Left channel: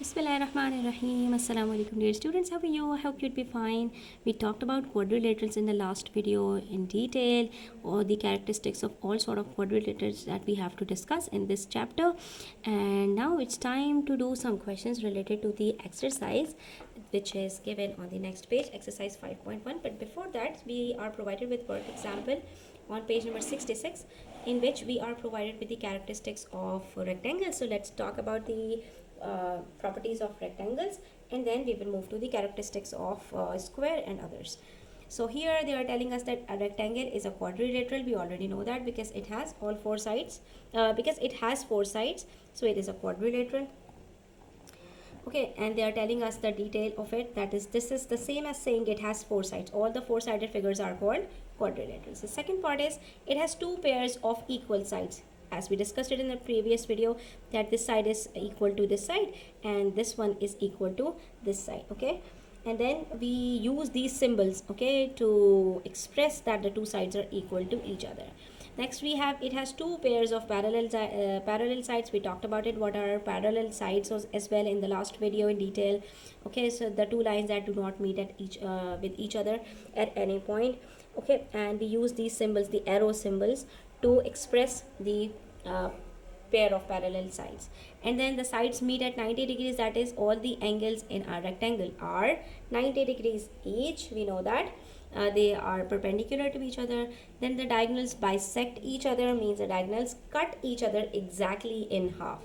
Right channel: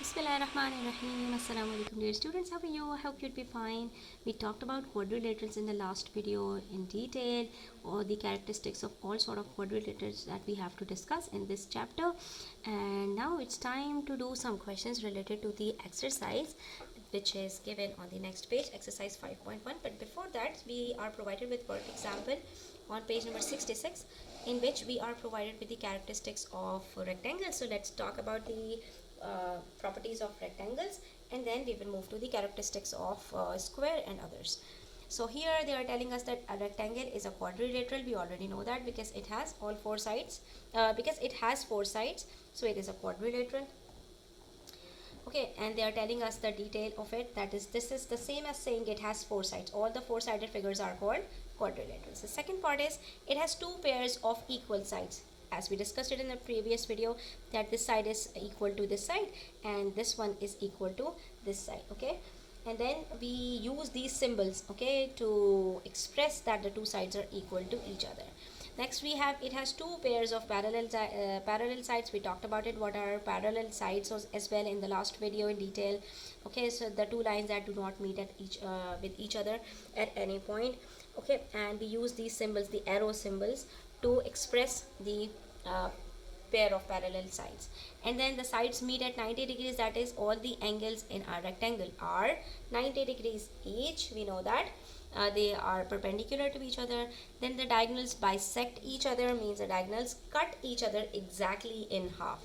Bismillahirrahmanirrahim. Assalamu alaikum dear students. How are you? I hope you'd be fine. We talked about quadrilaterals in the last video in detail, or the characteristics of all sort of quadrilaterals that we have to discuss in this chapter. And now it's time to do some questions related to the exercise which is given on the next page, exercise 5.1. But before that, we are provided with work example on page number 66, in which we are provided with the characteristics of rectangles. So let's talk about the properties of rectangles, and then we will move to the characteristics of square and others. So here they are telling us that a rectangle is a quadrilateral. We already know that because it has all four sides. Because it has four sides, so it is a quadrilateral. Okay, and they are telling us the detail of it, that is, this is the same as saying it has four sides. All the four-sided figures are called quadrilaterals. The second part is it has two pairs of equal sides, as we discussed it in the previous video, that this side is equal to this side and this one is equal to this side. Okay, and then we use these symbols, okay, to express that the two sides are equal to each other. Next we have, it has two pairs of parallel sides. We talked about it, what are parallel sides as well in the last video in detail. Okay, so the two lines that do not meet at with each other at any point. Okay, and we use these symbols, the arrow symbols, to express the pair of parallel sides. And then the sides meet at 90 degrees, that is, all the angles in our rectangle are 90 degrees each. We know that they are perpendicular to each other. Then the diagonals bisect each other, means the diagonals cut each other exactly in half.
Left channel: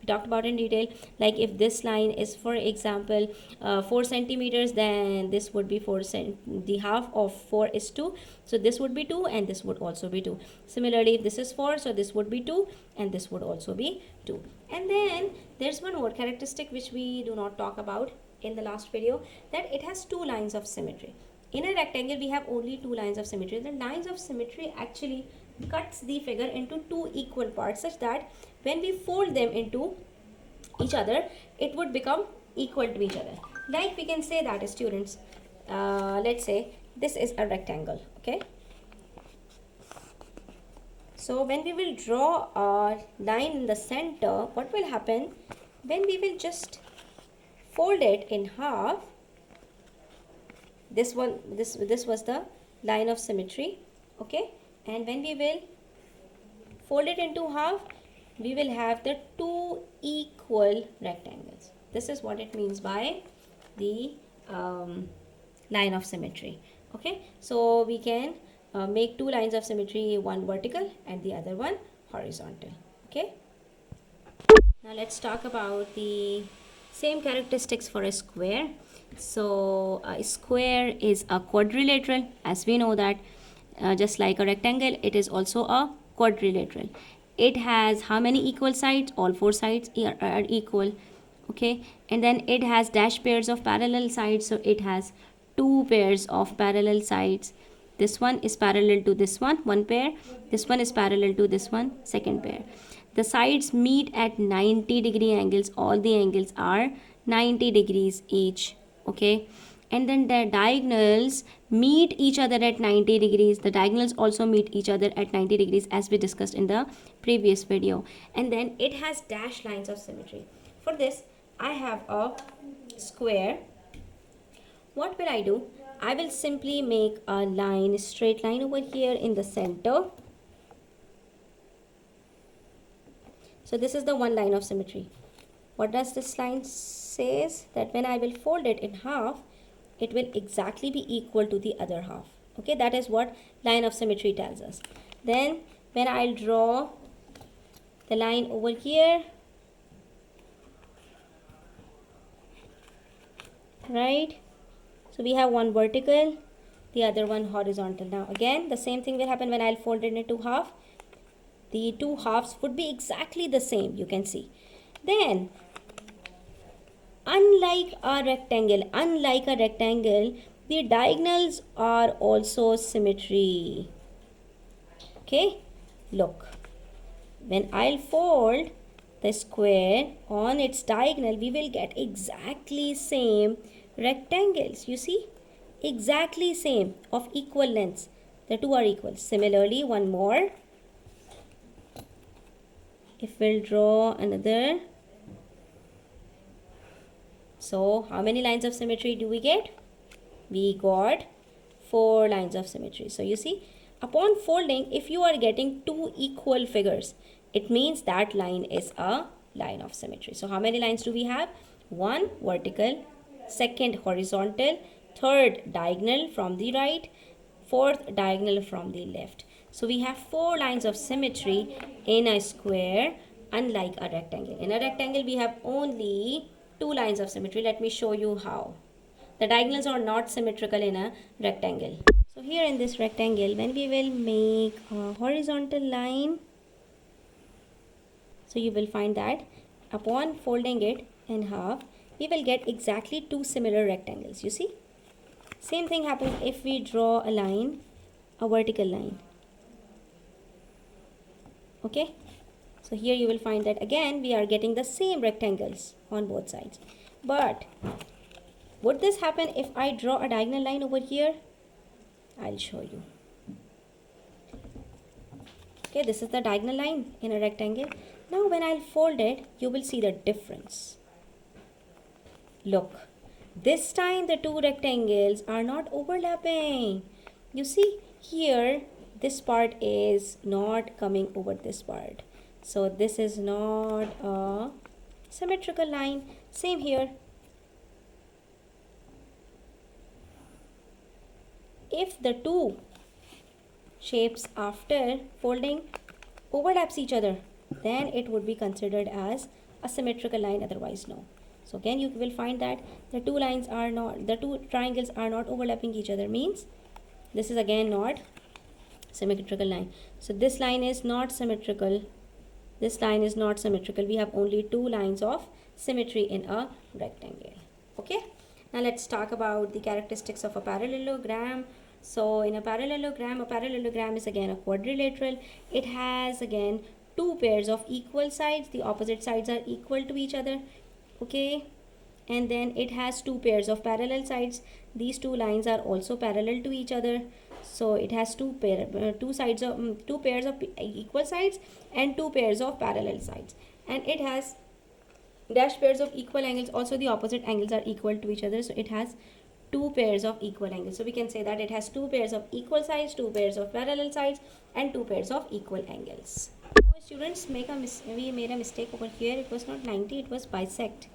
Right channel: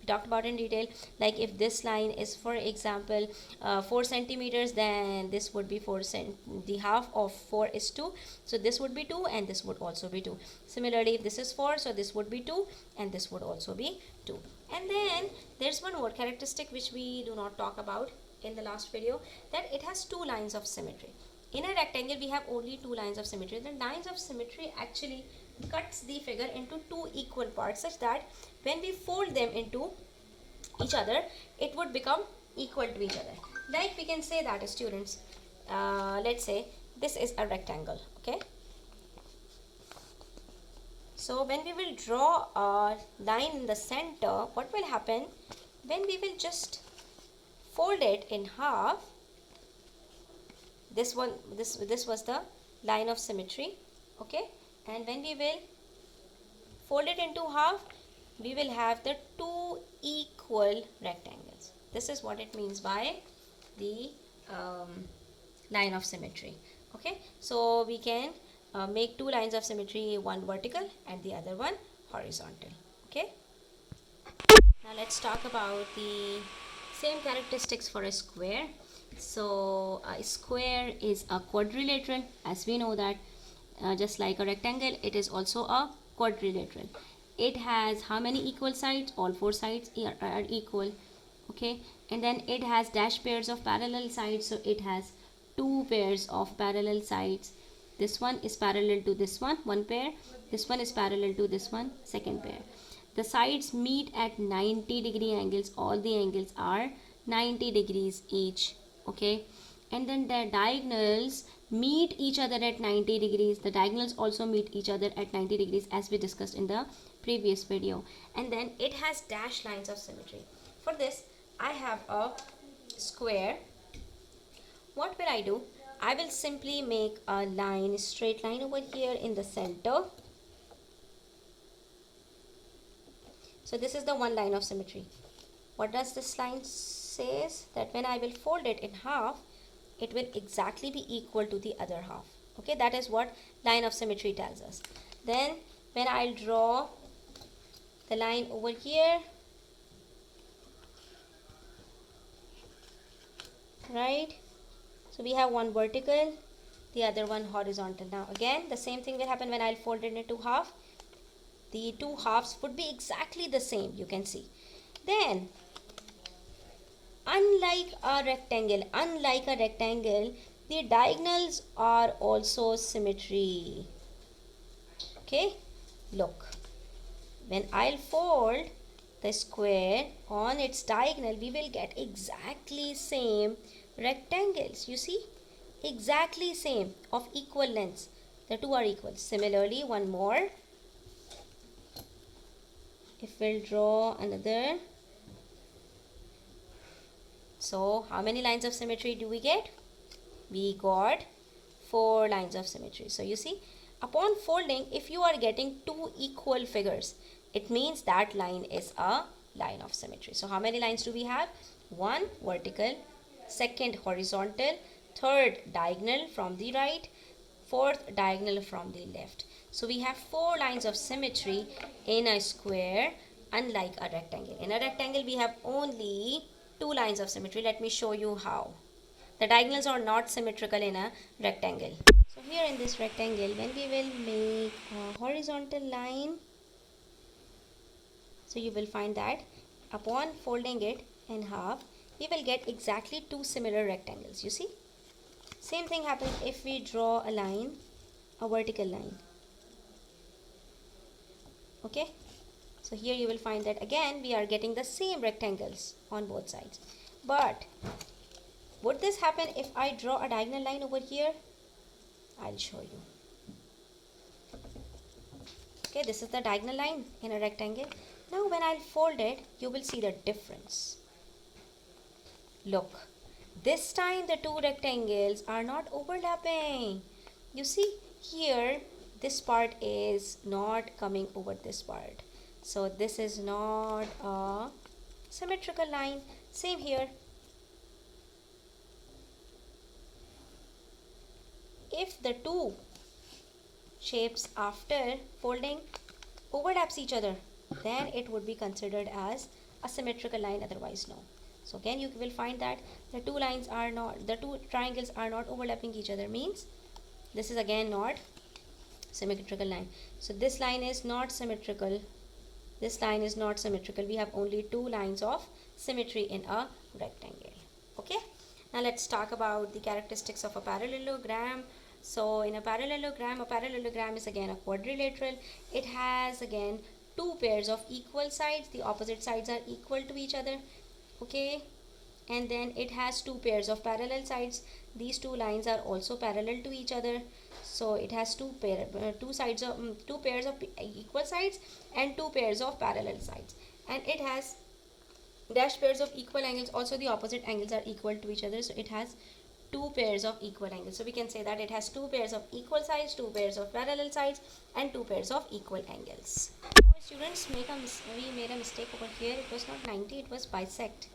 We talked about in detail, like if this line is, for example, 4 centimeters, then this would be the half of 4 is 2, so this would be 2 and this would also be 2. Similarly, if this is 4, so this would be 2 and this would also be 2. And then there's one more characteristic which we do not talk about in the last video, that it has two lines of symmetry. In a rectangle we have only two lines of symmetry. The lines of symmetry actually cuts the figure into two equal parts, such that when we fold them into each other, it would become equal to each other. Like we can say that, students, let's say this is a rectangle. Okay, so when we will draw a line in the center, what will happen, when we will just fold it in half, this was the line of symmetry. Okay, and when we will fold it into half, we will have the two equal rectangles. This is what it means by the line of symmetry. Okay, so we can make two lines of symmetry, one vertical and the other one horizontal. Okay, now let's talk about the same characteristics for a square. So a square is a quadrilateral, as we know that. Just like a rectangle, it is also a quadrilateral. It has how many equal sides? All four sides are equal. Okay, and then it has dash pairs of parallel sides, so it has two pairs of parallel sides. This one is parallel to this one pair. This one is parallel to this one, second pair. The sides meet at 90-degree angles. All the angles are 90 degrees each. Okay, and then the diagonals meet each other at 90 degrees. The diagonals also meet each other at 90 degrees, as we discussed in the previous video. And then it has dash lines of symmetry. For this, I have a square. What will I do? I will simply make a line, straight line over here in the center. So this is the one line of symmetry. What does this line says? That when I will fold it in half, it will exactly be equal to the other half. Okay, that is what line of symmetry tells us. Then when I'll draw the line over here, right, so we have one vertical, the other one horizontal. Now again the same thing will happen when I'll fold it into half. The two halves would be exactly the same, you can see. Then unlike a rectangle, the diagonals are also symmetry. Okay, look, when I'll fold the square on its diagonal, we will get exactly same rectangles. You see, exactly same, of equal lengths. The two are equal. Similarly, one more, if we'll draw another So how many lines of symmetry do we get? We got 4 lines of symmetry. So you see, upon folding, if you are getting two equal figures, it means that line is a line of symmetry. So how many lines do we have? One vertical, second horizontal, third diagonal from the right, fourth diagonal from the left. So we have 4 lines of symmetry in a square, unlike a rectangle. In a rectangle, we have only 2 lines of symmetry. Let me show you how. The diagonals are not symmetrical in a rectangle. So here in this rectangle, when we will make a horizontal line, so you will find that upon folding it in half, we will get exactly 2 similar rectangles. You see? Same thing happens if we draw a line, a vertical line. Okay? So here you will find that again we are getting the same rectangles on both sides. But would this happen if I draw a diagonal line over here? I'll show you. Okay, this is the diagonal line in a rectangle. Now when I'll fold it, you will see the difference. Look, this time the two rectangles are not overlapping. You see here, this part is not coming over this part. So this is not a symmetrical line. Same here. If the two shapes after folding overlaps each other, then it would be considered as a symmetrical line, otherwise no. So again you will find that the two triangles are not overlapping each other, means this is again not symmetrical line. So this line is not symmetrical, this line is not symmetrical. We have only 2 lines of symmetry in a rectangle. Okay, now let's talk about the characteristics of a parallelogram. So in a parallelogram is again a quadrilateral. It has again 2 pairs of equal sides. The opposite sides are equal to each other. Okay, and then it has 2 pairs of parallel sides. These 2 lines are also parallel to each other. So it has two pairs of equal sides and 2 pairs of parallel sides. And it has dash pairs of equal angles. Also the opposite angles are equal to each other. So it has 2 pairs of equal angles. So we can say that it has 2 pairs of equal sides, 2 pairs of parallel sides, and 2 pairs of equal angles. Now students, we made a mistake over here. It was not 90, it was bisect.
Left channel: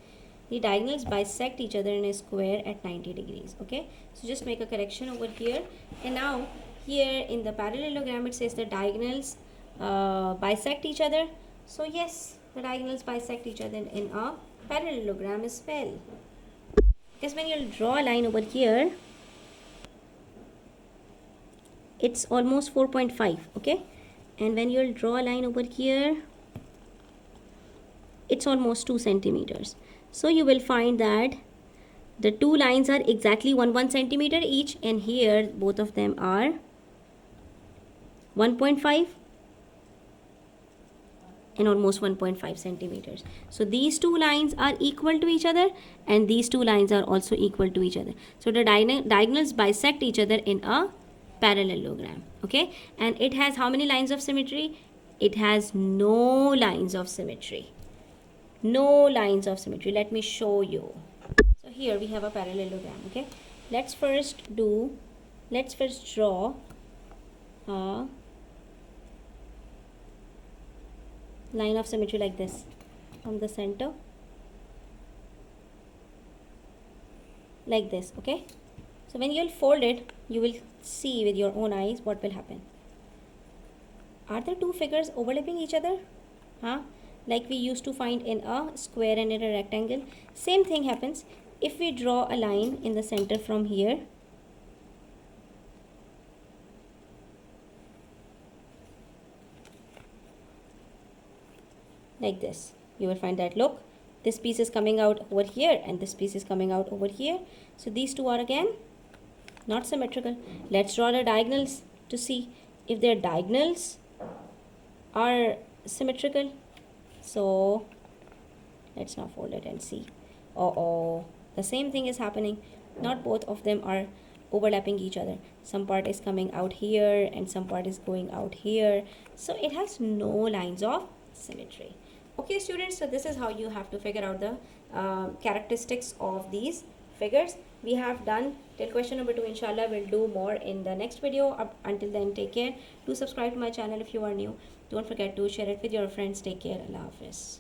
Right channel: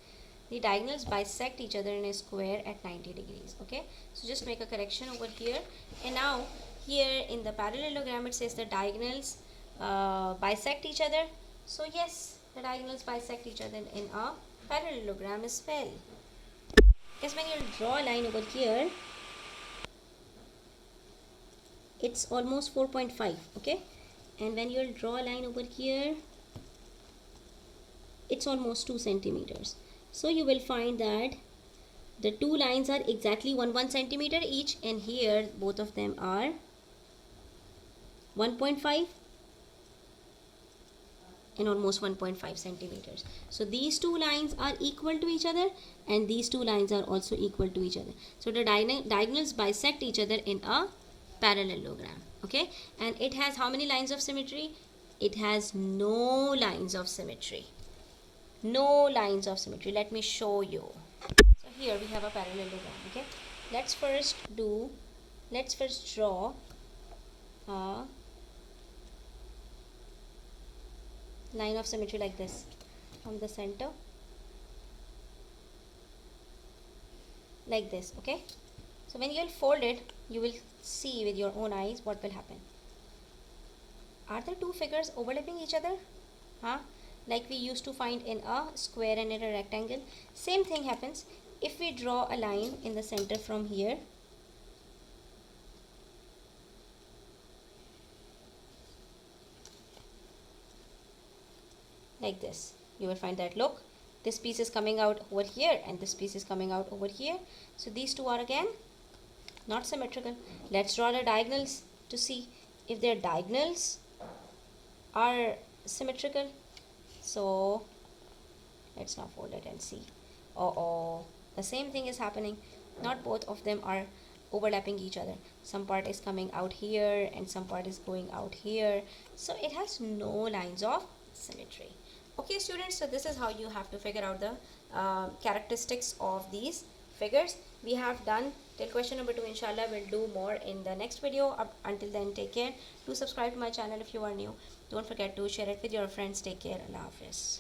The diagonals bisect each other in a square at 90 degrees. Okay, so just make a correction over here. And now here in the parallelogram it says the diagonals bisect each other. So yes, the diagonals bisect each other in a parallelogram as well. Because when you'll draw a line over here, it's almost 4.5. okay, and when you'll draw a line over here, it's almost 2 centimeters. So you will find that the 2 lines are exactly 1 centimeter each, and here both of them are 1.5 and almost 1.5 centimeters. So these 2 lines are equal to each other, and these 2 lines are also equal to each other. So the diagonals bisect each other in a parallelogram. Okay, and it has how many lines of symmetry? It has no lines of symmetry. No lines of symmetry. Let me show you. So here we have a parallelogram. Okay, let's first draw a line of symmetry like this from the center, like this. Okay, so when you'll fold it, you will see with your own eyes what will happen. Are the two figures overlapping each other? Like we used to find in a square and in a rectangle. Same thing happens if we draw a line in the center from here. Like this, you will find that look, this piece is coming out over here and this piece is coming out over here. So these two are again not symmetrical. Let's draw the diagonals to see if their diagonals are symmetrical. So let's now fold it and see. The same thing is happening. Not both of them are overlapping each other. Some part is coming out here and some part is going out here. So it has no lines of symmetry. Okay students, so this is how you have to figure out the characteristics of these figures. We have done till question number 2. Inshallah we'll do more in the next video. Until then, take care. Do subscribe to my channel if you are new. Don't forget to share it with your friends. Take care. Allah Hafiz.